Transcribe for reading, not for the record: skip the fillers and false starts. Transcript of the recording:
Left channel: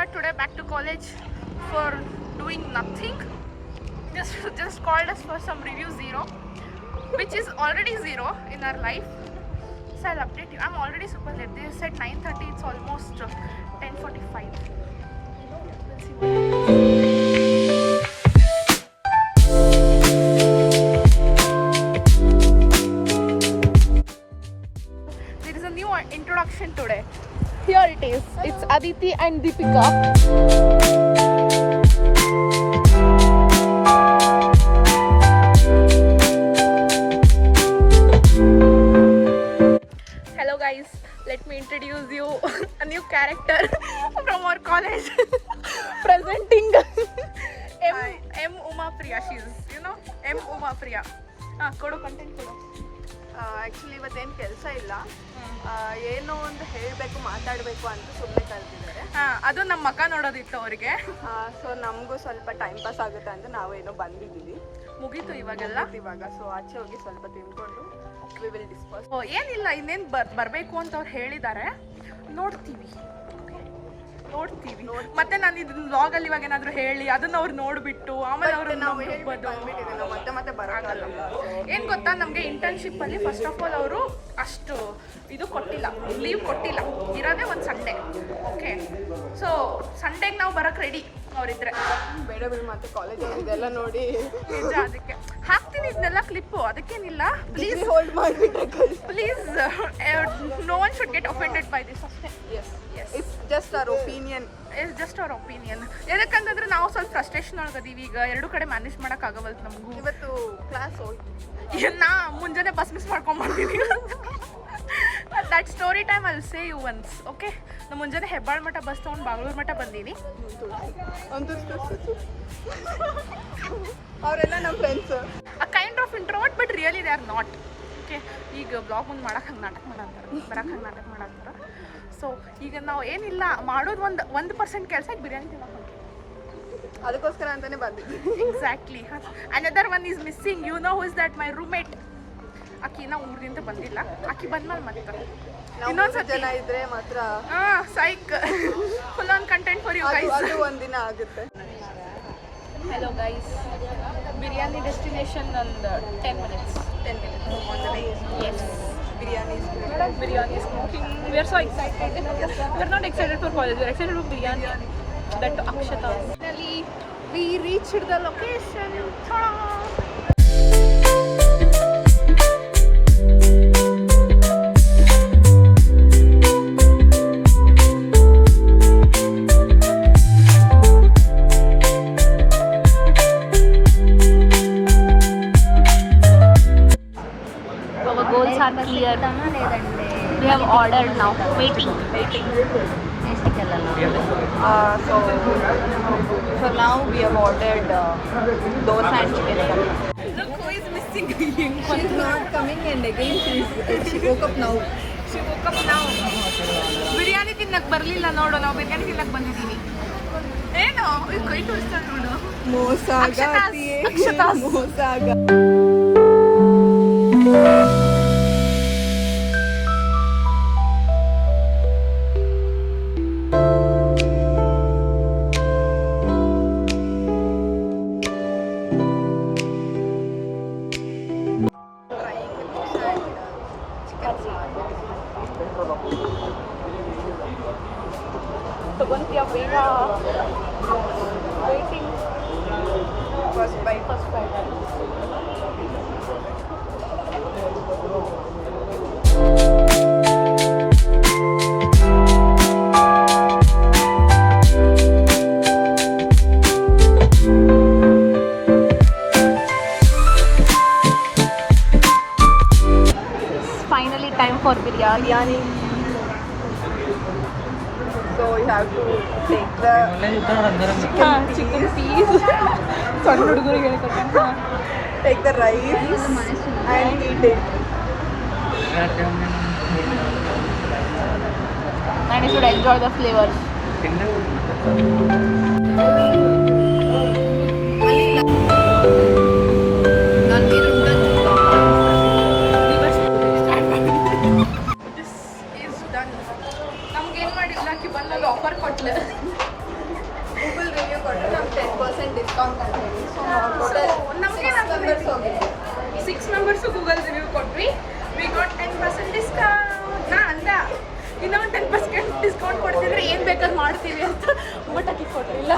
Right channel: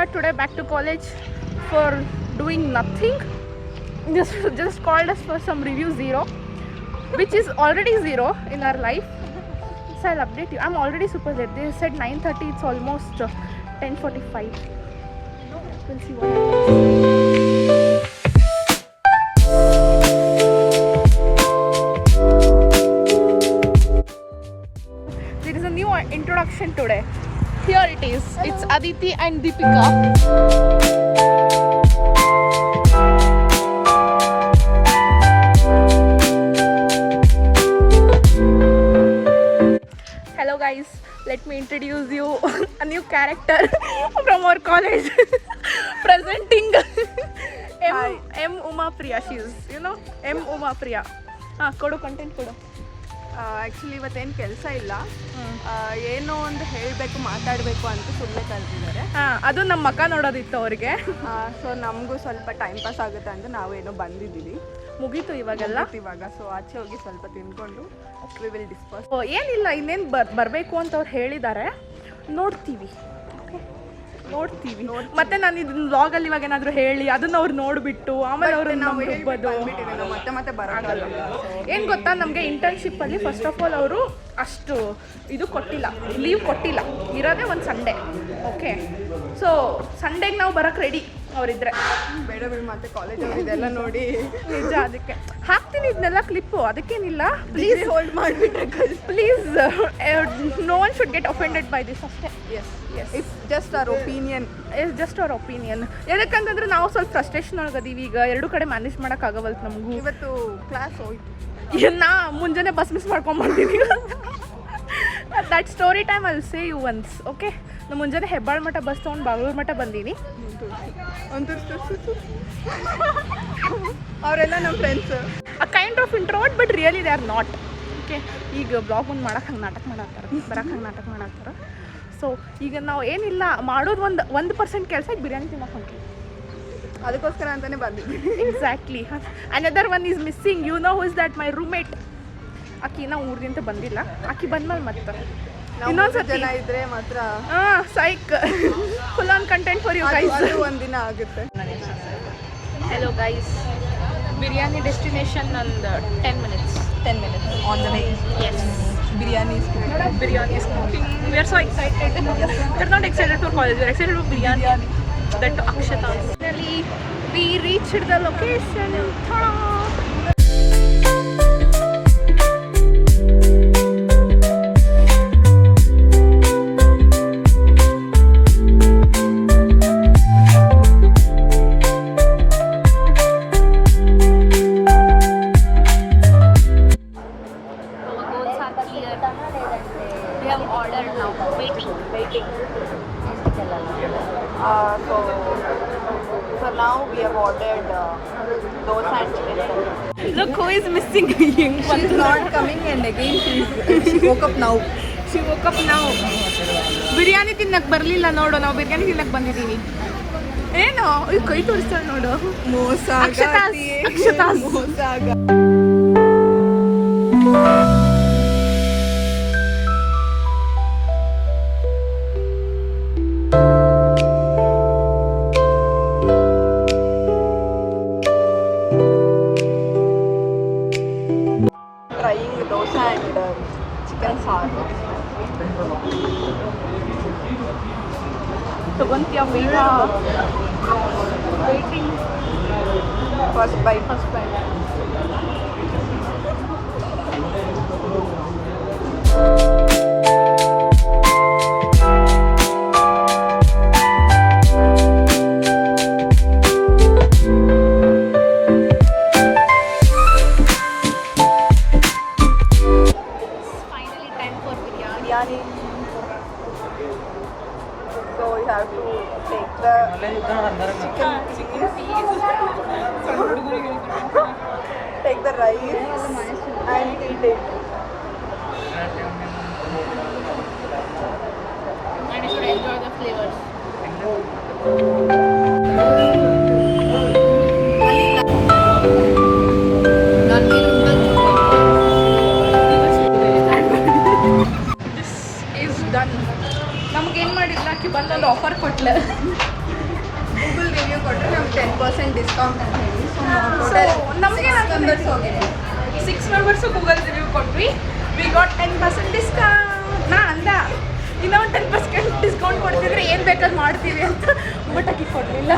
here today back to college for doing nothing. Just called us for some review 0, which is already 0 in our life. So I'll update you. I'm already super late. They said 9:30. It's almost 10:45. We'll see what happens. There is a new introduction today. Here it is. It's Aditi and Deepika. Hello guys, let me introduce you a new character from our college. Presenting M Uma Priya. She's, M Uma Priya. Kodu content kodu. Actually ಇವತ್ತೇನು ಕೆಲಸ ಇಲ್ಲ, ಏನೋ ಒಂದು ಹೇಳಬೇಕು ಮಾತಾಡಬೇಕು ಅಂತ ಸುಮ್ಮನೆ ಕರೆದಿದ್ದಾರೆ. ಅದು ನಮ್ಮ ಮಕ್ಕ ನೋಡೋದಿತ್ತು ಅವರಿಗೆ. ಸೊ ನಮಗೂ ಸ್ವಲ್ಪ ಟೈಮ್ ಪಾಸ್ ಆಗುತ್ತೆ ಅಂತ ನಾವೇನೋ ಬಂದಿದ್ದೀವಿ. ಮುಗೀತು ಇವಾಗೆಲ್ಲ. ಸೊ ಆಚೆ ಹೋಗಿ ಸ್ವಲ್ಪ ತಿನ್ಕೊಂಡು ವಿ ವಿಲ್ ಡಿಸ್ಕಸ್. ಏನಿಲ್ಲ, ಇನ್ನೇನು ಬರಬೇಕು ಅಂತ ಅವ್ರು ಹೇಳಿದ್ದಾರೆ. ನೋಡ್ತೀವಿ ಮತ್ತೆ ನಾನು ಇದನ್ನ ವ್ಲಾಗಲ್ಲಿ ಇವಾಗ ಏನಾದರೂ ಹೇಳಿ ಅದನ್ನ ಅವ್ರು ನೋಡಿಬಿಟ್ಟು ಆಮೇಲೆ ಅವ್ರು ನಾವು ಮತ್ತೆ ಬರೋಲ್ಲ. ಏನು ಗೊತ್ತಾ, ನಮಗೆ ಇಂಟರ್ನ್ಶಿಪ್ಪಲ್ಲಿ ಫಸ್ಟ್ ಆಫ್ ಆಲ್ ಅವರು ಅಷ್ಟು ಇದು ಕೊಟ್ಟಿಲ್ಲ, ಲೀವ್ ಕೊಟ್ಟಿಲ್ಲ. ಇರೋದೇ ಒಂದು ಸಂಡೇ. ಓಕೆ, ಸೊ ಸಂಡೇಗೆ ನಾವು ಬರೋಕ್ಕೆ ರೆಡಿ ಅವರಿದ್ರೆ. ಬೇಡ ಬಿಡಿ, ಮತ್ತೆ ಕಾಲೇಜಲ್ಲಿ ಇದೆಲ್ಲ ನೋಡಿ ನಿಜ. ಅದಕ್ಕೆ ಹಾಕ್ತೀನಿ ಇದನ್ನೆಲ್ಲ ಕ್ಲಿಪ್ಪು, ಅದಕ್ಕೇನಿಲ್ಲ. ಪ್ಲೀಸ್ ಹೋಲ್ಡ್ ಮಾಡಿಬಿಟ್ರೆ please, no one should get offended by this ಅಷ್ಟೇ. It's just our opinion. ಯಾಕಂತಂದ್ರೆ ನಾವು ಸ್ವಲ್ಪ ಫ್ರಸ್ಟ್ರೇಷನ್ ಒಳಗದೀವಿ ಈಗ. ಎರಡು ಕಡೆ ಮ್ಯಾನೇಜ್ ಮಾಡೋಕ್ಕಾಗವಲ್ತು ನಮಗೂ. ಇವತ್ತು ಕ್ಲಾಸ್ ಹೋಯ್ತು, ನಾ ಮುಂಜಾನೆ ಬಸ್ ಮಿಸ್ ಮಾಡ್ಕೊಂಡ್ಬರ್ತೀನಿ. That story time I will say you once. Okay, ನಾನು ಮುಂಜಾನೆ ಹೆಬ್ಬಾಳ ಮಠ ಬಸ್ ತೊಗೊಂಡು ಬಾಗ್ಲೂರು ಮಠ ಬಂದೀನಿ. ಅವರೆಲ್ಲ ನಮ್ಮ friends. A kind of introvert, but really they are not. Okay, ಈಗ ಬ್ಲಾಗ್ ಒಂದು ಮಾಡಕ್ಕೆ ಹಂಗೆ ನಾಟಕ ಮಾಡತ್ತಾರ, ಬರಕ್ಕೆ ಹಂಗೆ ನಾಟಕ ಮಾಡತ್ತಾರ. ಸೊ ಈಗ ನಾವು ಏನಿಲ್ಲ ಮಾಡೋದು 1% ಕೆಲಸ. ಈಗ ಬಿರಿಯಾನಿ ತಿನ್ನೋಕೆ ಹೊಂಟೀವಿ, ಅದಕ್ಕೋಸ್ಕರ ಅಂತಾನೆ ಬಂದಿದ್ವಿ. Exactly. Another one is missing. You know who is that? My roommate. ಆಕಿ ನಾವು ಊರಿಂದ ಬಂದಿಲ್ಲ. ಆಕಿ ಬಂದ್ಮೇಲೆ ಮತ್ತೆ ಇನ್ನೊಂದ್ಸತಿ ಜನ ಇದ್ರೆ ಮಾತ್ರ psych full on content for you guys. ಒಂದಿನ ಆಗುತ್ತೆ. ಹೆಲೋ ಗೈಸ್, ಬಿರಿಯಾನಿ ಡೆಸ್ಟಿನೇಷನ್ ಒಂದು 10 minutes on the way. Yes, biryani is cooking. We are so excited. We are not excited for college, we are excited for biryani. That Akshata. Finally we reached the location. Ta-da! Our goals are clear. We have ordered now. Waiting. So for now we have ordered dosa and chicken curry. Look who is missing. She's not coming in again. She woke up now. Biryani ತಿನ್ನಕ್ ಬರಲಿಲ್ಲ ನೋಡು. ನಾವು ಬಿರಿಯಾನಿ ತಿನ್ನಕ್ ಬಂದಿದ್ದೀವಿ. ಏನು ಕೈ ತೋರಿಸ್ತಾಳೆ ನೋಡು. ಅಕ್ಷತಾಸ್. Trying dosa and chicken salad. ತಗೊಂತೀಯ ಬೇಗ? Waiting. First bite. Finally time for biryani. So we have to take the chicken piece. ಸಣ್ಣ ಹುಡುಗರಿಗೆ ಹೇಳ್ಕೊಟ್ಟಂಗೆ. take the rice and eat it. And you should enjoy the flavors. ನಮ್ಗೇನು ಮಾಡಿಲ್ಲ, ಆಕಿ ಬಂದೊಂದು offer ಕೊಟ್ಲು. Google review ಕೊಟ್ಟರೆ ನಮ್ಗೆ 10% discount ಅಂತ ಹೇಳಿ. So ನಮಗೆ ಮೆಂಬರ್ಸ್ ಹೋಗಿದ್ವಿ. 6 ಮೆಂಬರ್ಸು ಗೂಗಲ್ ರಿವ್ಯೂ ಕೊಟ್ವಿ. We got 10% discount. ನಾ ಅಂದ ಇನ್ನೂ ಒಂದು 10% ಡಿಸ್ಕೌಂಟ್ ಕೊಡ್ತಿದ್ರೆ ಏನು ಬೇಕಾದ್ರೂ ಮಾಡ್ತೀವಿ ಅಂತ, ಬಟ್ ಆಕೆ ಕೊಡಲಿಲ್ಲ.